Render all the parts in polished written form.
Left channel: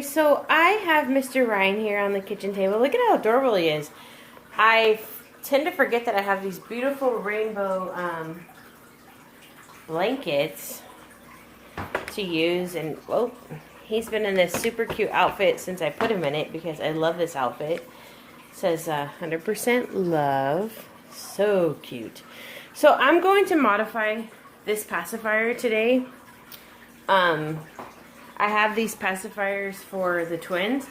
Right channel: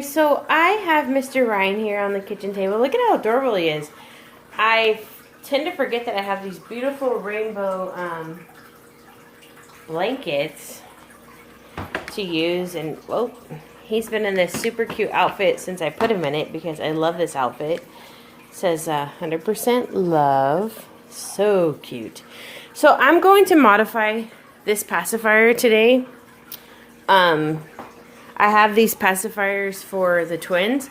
guys, so I have Mr. Ryan here on the kitchen table. Look at how adorable he is. I tend to forget that I have these beautiful rainbow blankets to use, and well, he's been in this super cute outfit since I put him in it because I love this outfit. It says 100% love. So cute. So I'm going to modify this pacifier today. I have these pacifiers for the twins,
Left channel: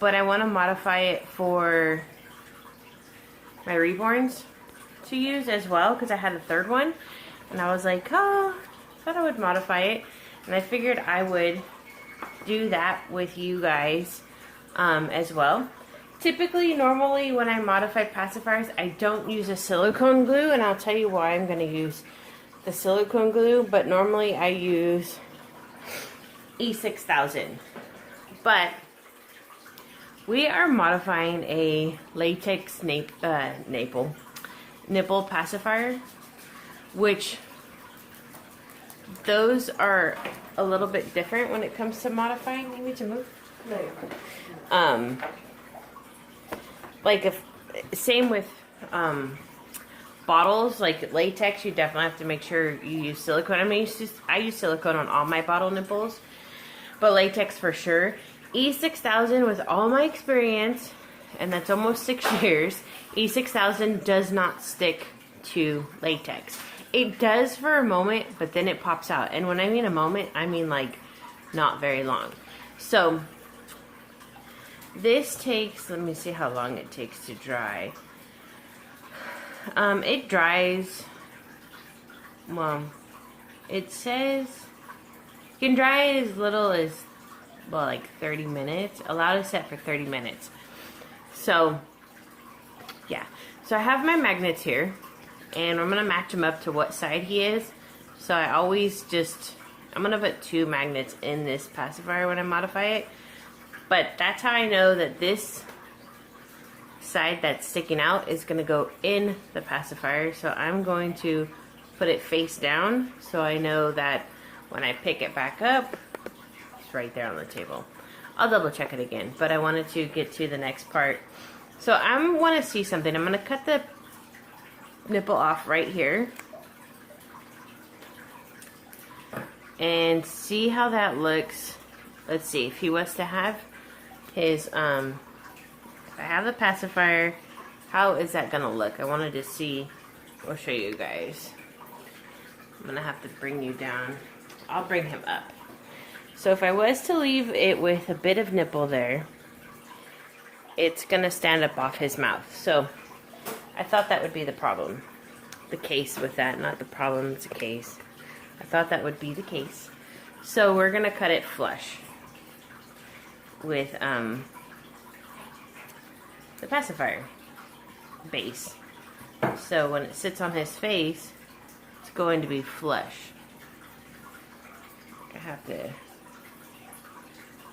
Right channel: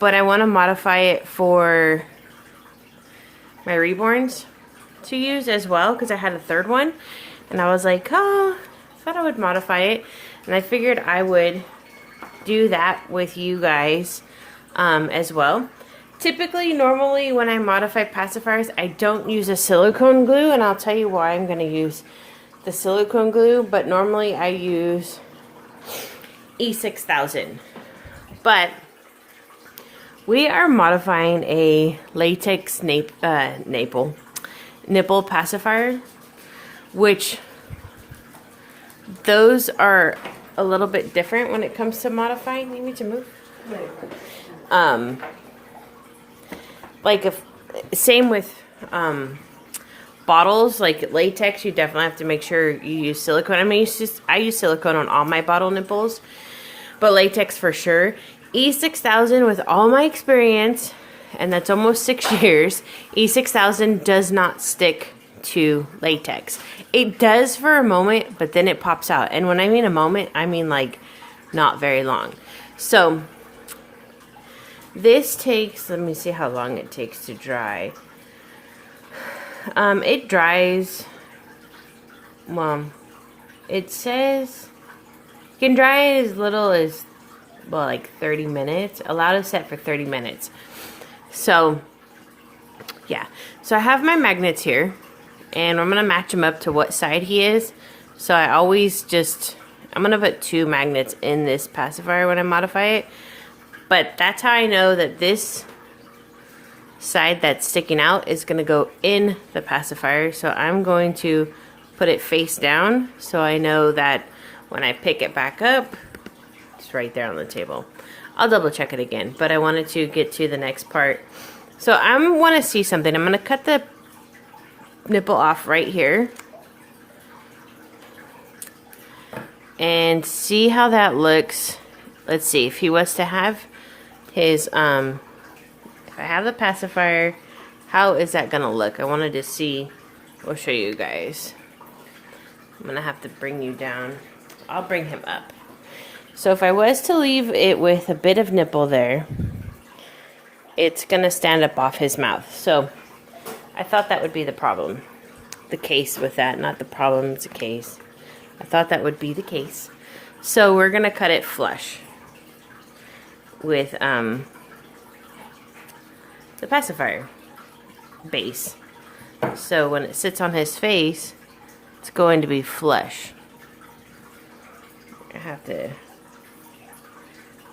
but I want to modify it for my reborns to use as well because I had a third one, and I was like, oh, I thought I would modify it, and I figured I would do that with you guys as well. Typically, normally when I modify pacifiers, I don't use a silicone glue, and I'll tell you why I'm going to use the silicone glue, but normally I use E6000. But we are modifying a latex nipple pacifier, which those are a little bit different when it comes to modifying. You need to move. Same with bottles, like latex, you definitely have to make sure you use silicone. I mean, I use silicone on all my bottle nipples, but latex for sure. E6000, with all my experience, and that's almost 6 years, E6000 does not stick to latex. It does for a moment, but then it pops out. And when I mean a moment, I mean like not very long. So this takes, let me see how long it takes to dry. It dries, well, it says you can dry it as little as, well, like 30 minutes. Allowed to set for 30 minutes. So, yeah. So I have my magnets here, and I'm going to match them up to what side he is. So I always just, I'm going to put 2 magnets in this pacifier when I modify it. But that's how I know that this side that's sticking out is going to go in the pacifier. So I'm going to put it face down so I know that when I pick it back up, it's right there on the table. I'll double check it again, but I wanted to get to the next part. So I want to see something. I'm going to cut the nipple off right here and see how that looks. Let's see if he was to have his if I have the pacifier, how is that gonna look? I wanted to see. I'll show you guys. I'm gonna have to bring you down. I'll bring him up. So if I was to leave it with a bit of nipple there, it's gonna stand up off his mouth. So I thought that would be the problem. The case with that, not the problem, it's a case. I thought that would be the case. So we're gonna cut it flush with the pacifier base. So when it sits on his face, it's going to be flush. I have to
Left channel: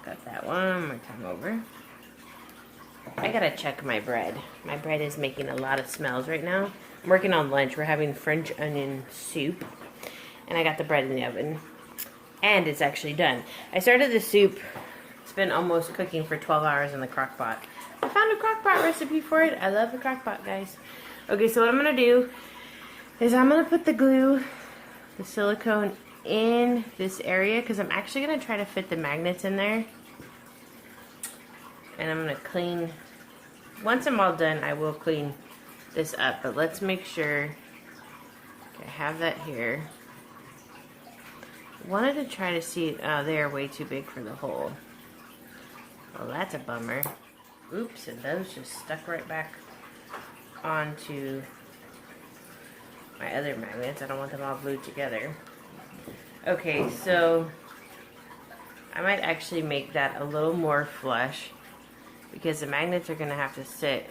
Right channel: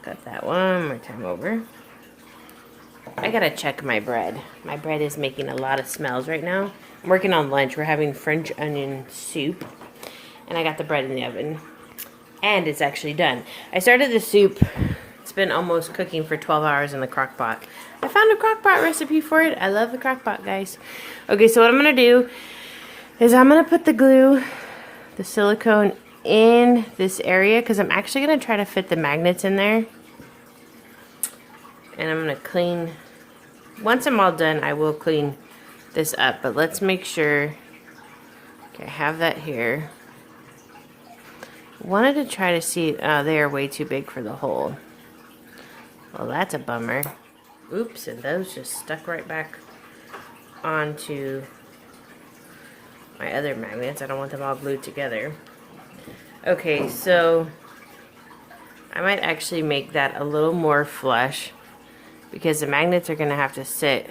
cut that one more time over. I gotta check my bread. My bread is making a lot of smells right now. I'm working on lunch. We're having French onion soup, and I got the bread in the oven, and it's actually done. I started the soup. It's been almost cooking for 12 hours in the crock pot. I found a crock pot recipe for it. I love the crock pot, guys. Okay, so what I'm going to do is I'm going to put the glue, the silicone, in this area because I'm actually going to try to fit the magnets in there. And I'm going to clean, once I'm all done, I will clean this up. But let's make sure, okay, I have that here. Wanted to try to see, they are way too big for the hole. Well, that's a bummer. Oops, and those just stuck right back onto my other magnets. I don't want them all glued together. Okay, so I might actually make that a little more flush because the magnets are going to have to sit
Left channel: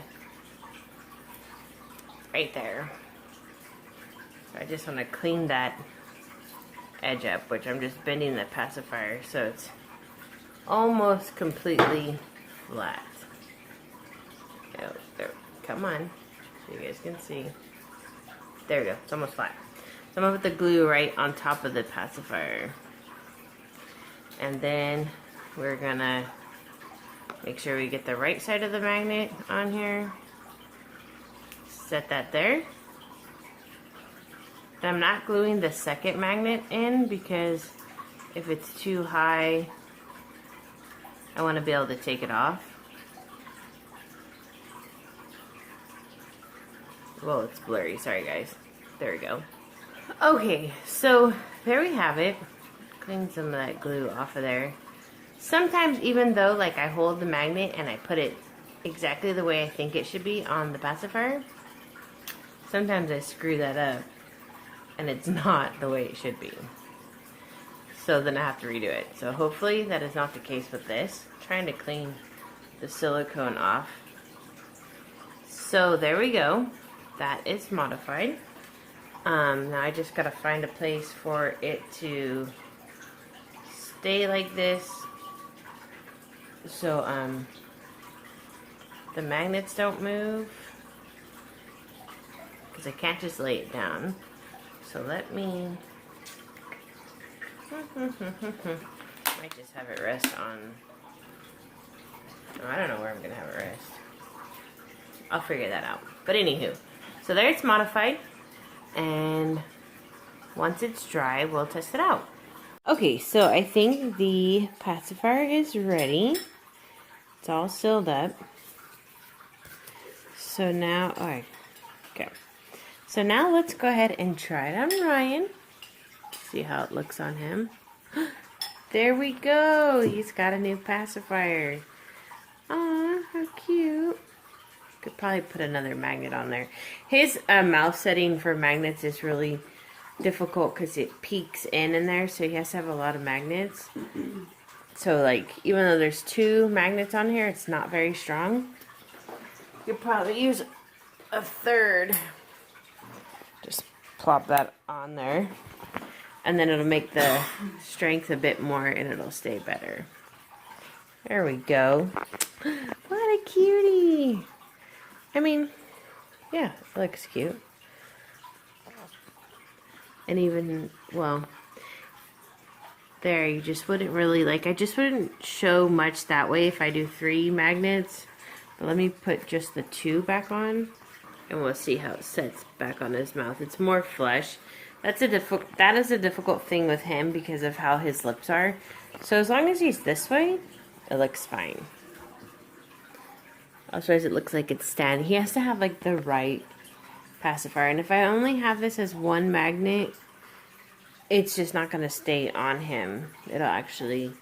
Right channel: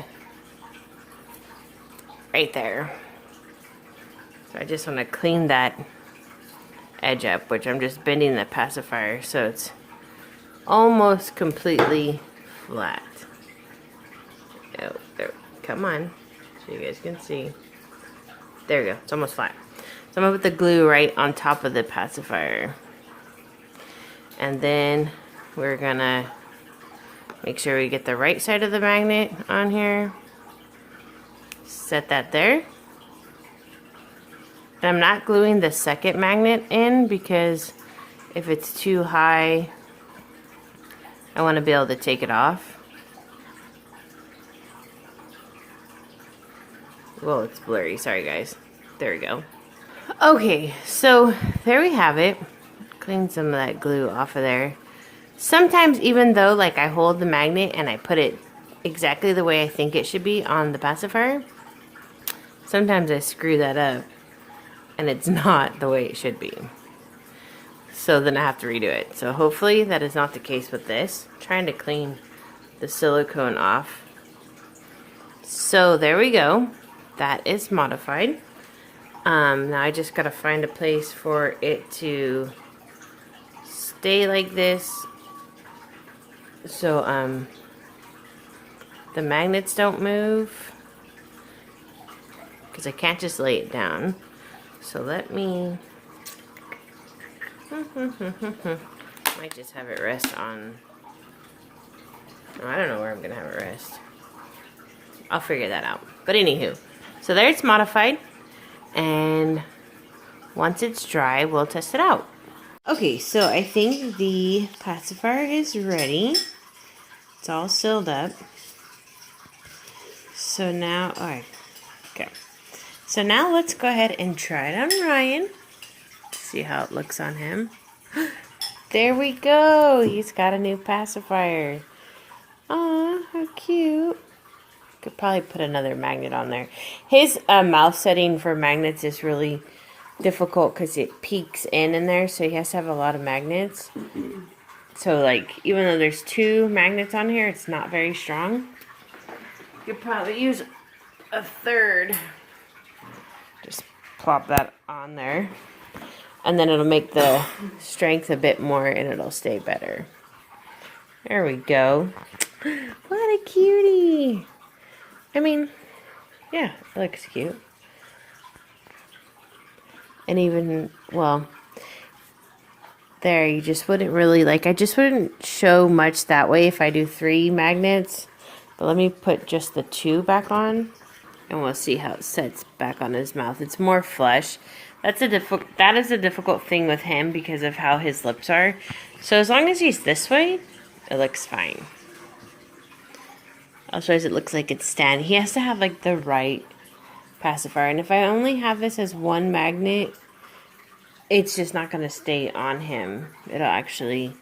right there. So I just want to clean that edge up, which I'm just bending the pacifier so it's almost completely flat. Oh, there, come on, so you guys can see. There we go, it's almost flat. So I'm gonna put the glue right on top of the pacifier. And then we're gonna Make sure we get the right side of the magnet on here. Set that there. I'm not gluing the second magnet in because if it's too high, I want to be able to take it off. Well, it's blurry. Sorry, guys. There we go. Okay, so there we have it. Clean some of that glue off of there. Sometimes, even though like I hold the magnet and I put it exactly the way I think it should be on the pacifier, sometimes I screw that up and it's not the way it should be. So then I have to redo it. So hopefully that is not the case with this. I'm trying to clean the silicone off. So there we go. That is modified. Now I just gotta find a place for it to stay like this. So the magnets don't move. Because I can't just lay it down. So let me... might just have it rest on... Oh, I don't know where I'm gonna have it rest. I'll figure that out. But anywho, so there it's modified, and once it's dry, we'll test it out. Okay, so I think the pacifier is ready. It's all sealed up. So now, alright, okay. So now let's go ahead and try it on Ryan. See how it looks on him. There we go. He's got a new pacifier. Aw, how cute. Could probably put another magnet on there. His mouth setting for magnets is really difficult because it peaks in there, so he has to have a lot of magnets. So like, even though there's 2 magnets on here, it's not very strong. You could probably use a third. Just plop that on there. And then it'll make the strength a bit more and it'll stay better. There we go. What a cutie. I mean, yeah, it looks cute. And even, well, there, you just wouldn't really, like, I just wouldn't show much that way if I do 3 magnets. But let me put just the 2 back on, and we'll see how it sets back on his mouth. It's more flush. That is a difficult thing with him because of how his lips are. So as long as he's this way, it looks fine. Otherwise it looks like it's standing. He has to have like the right pacifier. And if I only have this as 1 magnet, it's just not going to stay on him. It'll actually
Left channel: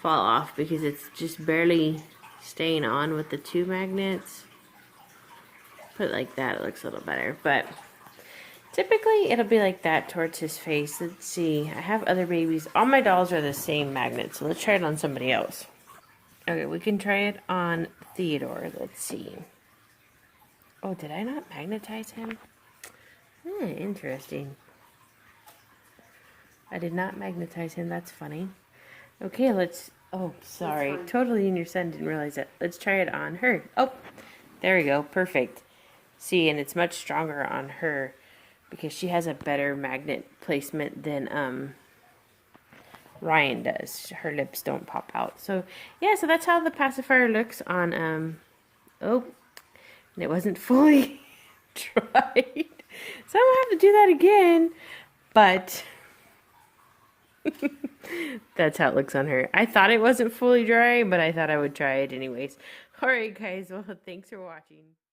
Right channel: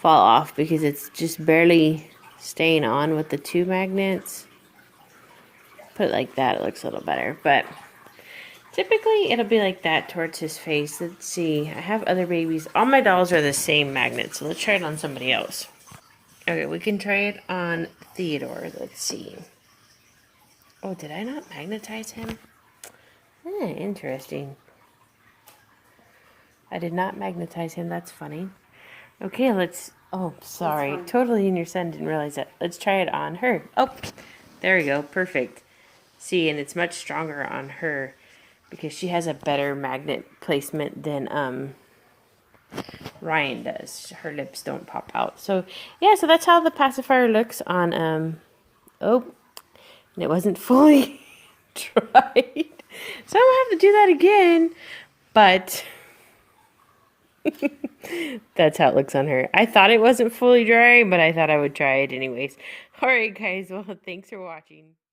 fall off because it's just barely staying on with the 2 magnets. Put it like that, it looks a little better. But typically, it'll be like that towards his face. Let's see. I have other babies. All my dolls are the same magnet, so let's try it on somebody else. Okay, we can try it on Theodore. Let's see. Oh, did I not magnetize him? Interesting. I did not magnetize him. That's funny. Okay, let's... Oh, sorry. Totally in your son. Didn't realize that. Let's try it on her. Oh, there we go. Perfect. See, and it's much stronger on her, because she has a better magnet placement than Ryan does. Her lips don't pop out. So, yeah, so that's how the pacifier looks on, oh, and it wasn't fully dried. So I'm going to have to do that again, but that's how it looks on her. I thought it wasn't fully dry, but I thought I would try it anyways. Alright, guys, well, thanks for watching.